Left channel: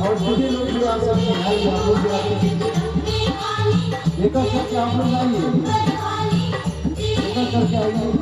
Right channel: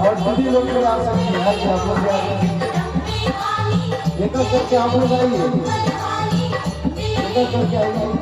और सभी लोग भी आ सकते हैं भाई, आप लोग एक करके आप लोग आइए, एक करके आइए।